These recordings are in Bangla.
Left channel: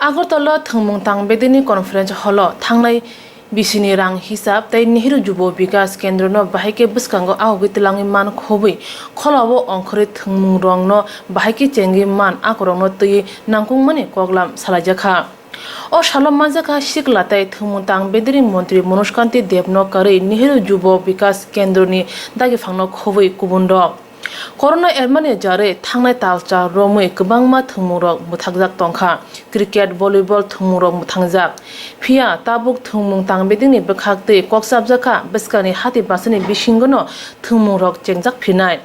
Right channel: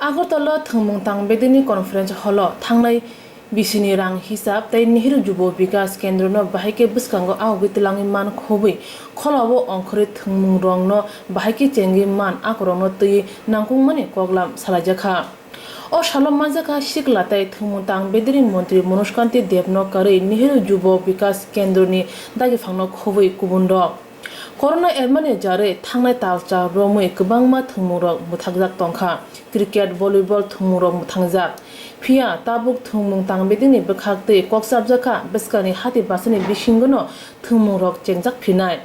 Agartala thwngmung tangbedini conference hall thangnai bisini rang hisab tai Nehru Jubo Bikas Kendra no bahike buskango ahogi tilangi man khobui kholao ongkhori thwngmung rong no bahike chengi man akorong no tui nangkung mani koglam salajaka o shalom manjaka shiklatai thwngmung tangbedini montri Manuj kanti devno kari Nehru Jubo Bikas Kendra ni dagi phangno khobui kubundo Corona ermane jare thangnai talcha romui kwbangma thwngmungrok muthakjak tongkha cricket volleyball thwngmungrok muthangjak phia tabuk thwngmung tangbedingni bwkhaktui koksabjaka beskani hati basani bisingono thwngmungrok chengjak phinai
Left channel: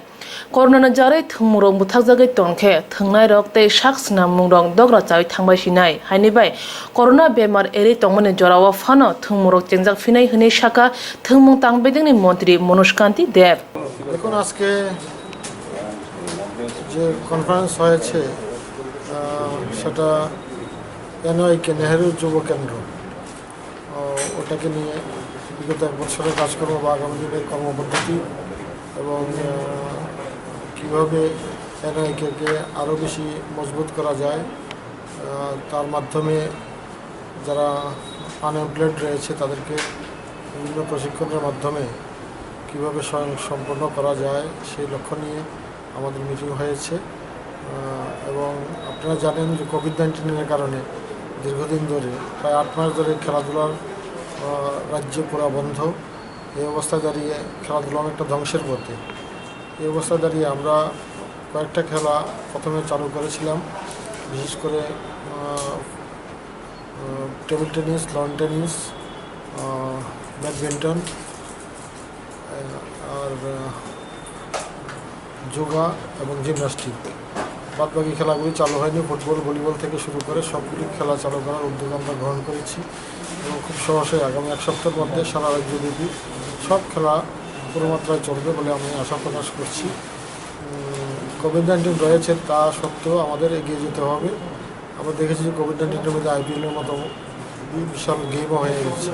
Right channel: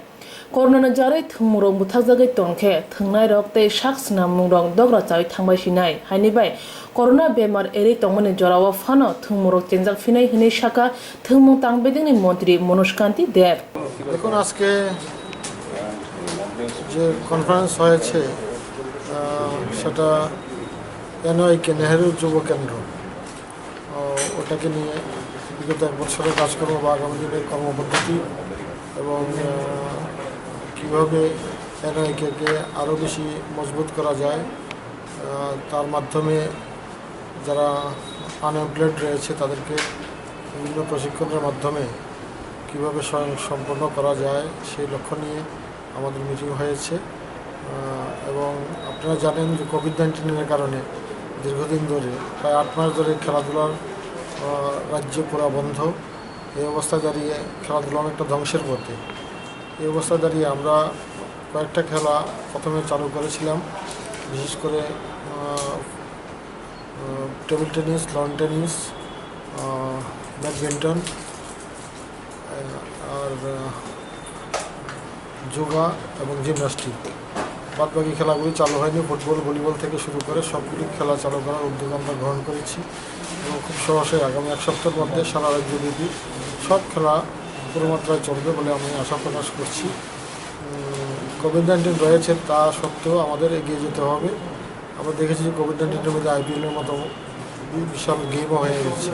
Corona jare thwngmungrok muthakjagai tongkhe thwngnai rok tei saksna mungrok dogra chai thangbai sinai haini bai corona bemar eri tongmani jorao phano thwngmungrok chengjak phinai hini sakha thwngmung tangbedingni montri Manuj kanti dev দেখুন আজকে যে কনফারেন্স হয়েছে সেটা এনওয়াইকে নেহেরু যুব কেন্দ্র ওটাকে নিয়ে বিগত এক বছরের কাজকর্ম বা আগামী দিনের কর্মপদ্ধতি এবং কীভাবে এনওয়াইকে আরও বেশি মজবুত করা যায় তার মাধ্যমে যারা আনএমপ্লয়েড রয়েছে তাদেরকে বিভিন্ন প্রশিক্ষণের মাধ্যমে কীভাবে সম্পন্ন করা যায় সেই লক্ষ্য নিয়ে আমাদের মিটিং হয়েছে এবং আপনারা জানেন যে কোভিড-19 কারণে দীর্ঘদিন ধরে প্রায় 8 মাস ধরে খেলাধুলার রাজ্যে পুরো বন্ধ এই অবস্থায় দাঁড়িয়ে খেলাধুলা অনেকটা ধ্বংসের পথে এই অবস্থায় দাঁড়িয়ে আমরা কয়েকটা খেলা প্রথমে চালু করেছিলাম বিশেষ করে table tennis lawn tennis badminton আর যোগা এবং জিমন্যাস্টিক বাদবাকি খেলাগুলি চালু হয়নি ফুটবল ভলিবল থেকে শুরু করে সবগুলি খেলা চালু করার উদ্যোগ আমরা গ্রহণ করেছি এবং খুব সহজেই আগামী এক সপ্তাহের মধ্যে সারা রাজ্যব্যাপী সব খেলা পুরো মাত্রায় চলবে বলে আমি আশা প্রকাশ করছি কোভিড-19 রয়েছে তা সত্ত্বেও আমাদের এগিয়ে যেতে হবে আমরা দেখেছি যে কোভিড-19-এর মধ্যে আইপিএলের মতো বিশাল গেমও হয়ে গেছে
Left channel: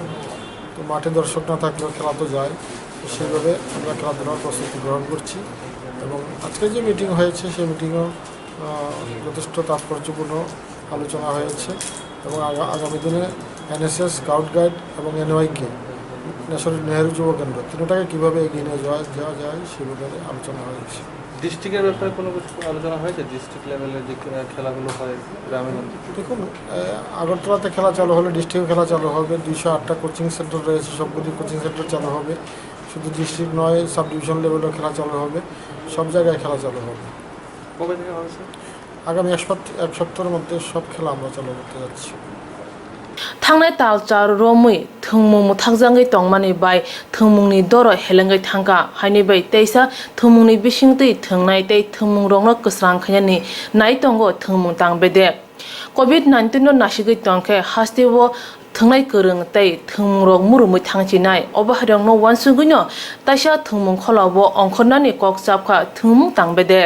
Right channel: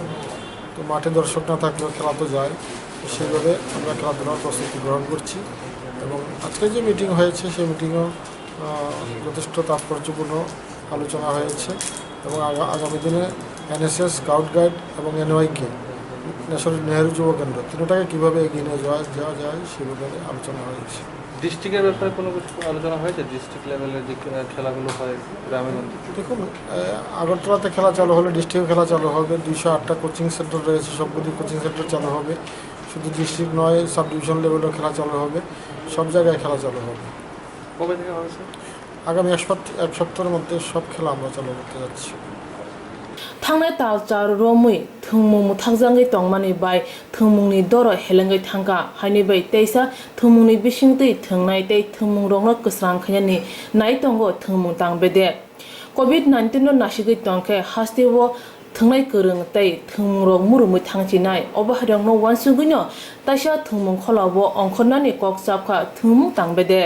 তো মাঠে দর্শক না থাকলেও খেলা তো যায় সেইভাবে আমরা খেলাধুলার প্রস্তুতি গ্রহণ করছি এবং আজকে যে মিটিং হয়েছে সেই মিটিংও যথেষ্ট তাৎপর্যপূর্ণ আলোচনা হয়েছে এবং আগামী দিনে এনএসএস স্কাউট গাইড এবং এনওয়াইকে নেহেরু যুব কেন্দ্র তিনটাকে কীভাবে এগিয়ে নিয়ে যাওয়া যায় সেই ব্যাপারে আলোচনা হয়েছে ডিস্ট্রিক্টের ব্যাপারে কোনো কিছু আলোচনা হয়েছে ডিস্ট্রিক্ট লেভেলের যে খেলাগুলো হয় গ্রামের দেখুন আগরতলাতে খেলা চালু হলে ডিস্ট্রিক্টে খেলা চালু হবে 208টা কোচিং সেন্টার রয়েছে সবগুলি কোচিং সেন্টার চালু হবে শুধু ডিস্ট্রিক্ট নয় সাব ডিভিশন লেভেলেও খেলা চালু হবে সব জায়গায় খেলা চালু হবে কবে থেকে হয়েছে আগামী এক সপ্তাহের মধ্যে সব খেলা আমরা চালু করতে যাচ্ছি Thangnai talchar romui thwngmung muthakjangai tongmani bai thwngmungni doro helengai thangka haini bai teisa thwngmungni bisingtui thwngnai tei thwngmung rokno kwsrang khainani nai tongo thwngmung tangbede COVID-19 no nasigui tongkhe hasteo thwngnai kwrung tei thwngmung rok murumui thangchinai obahrang no wansugui no taisa thwngmung kholao ongkhornani kok chapkha thwngmung tangbede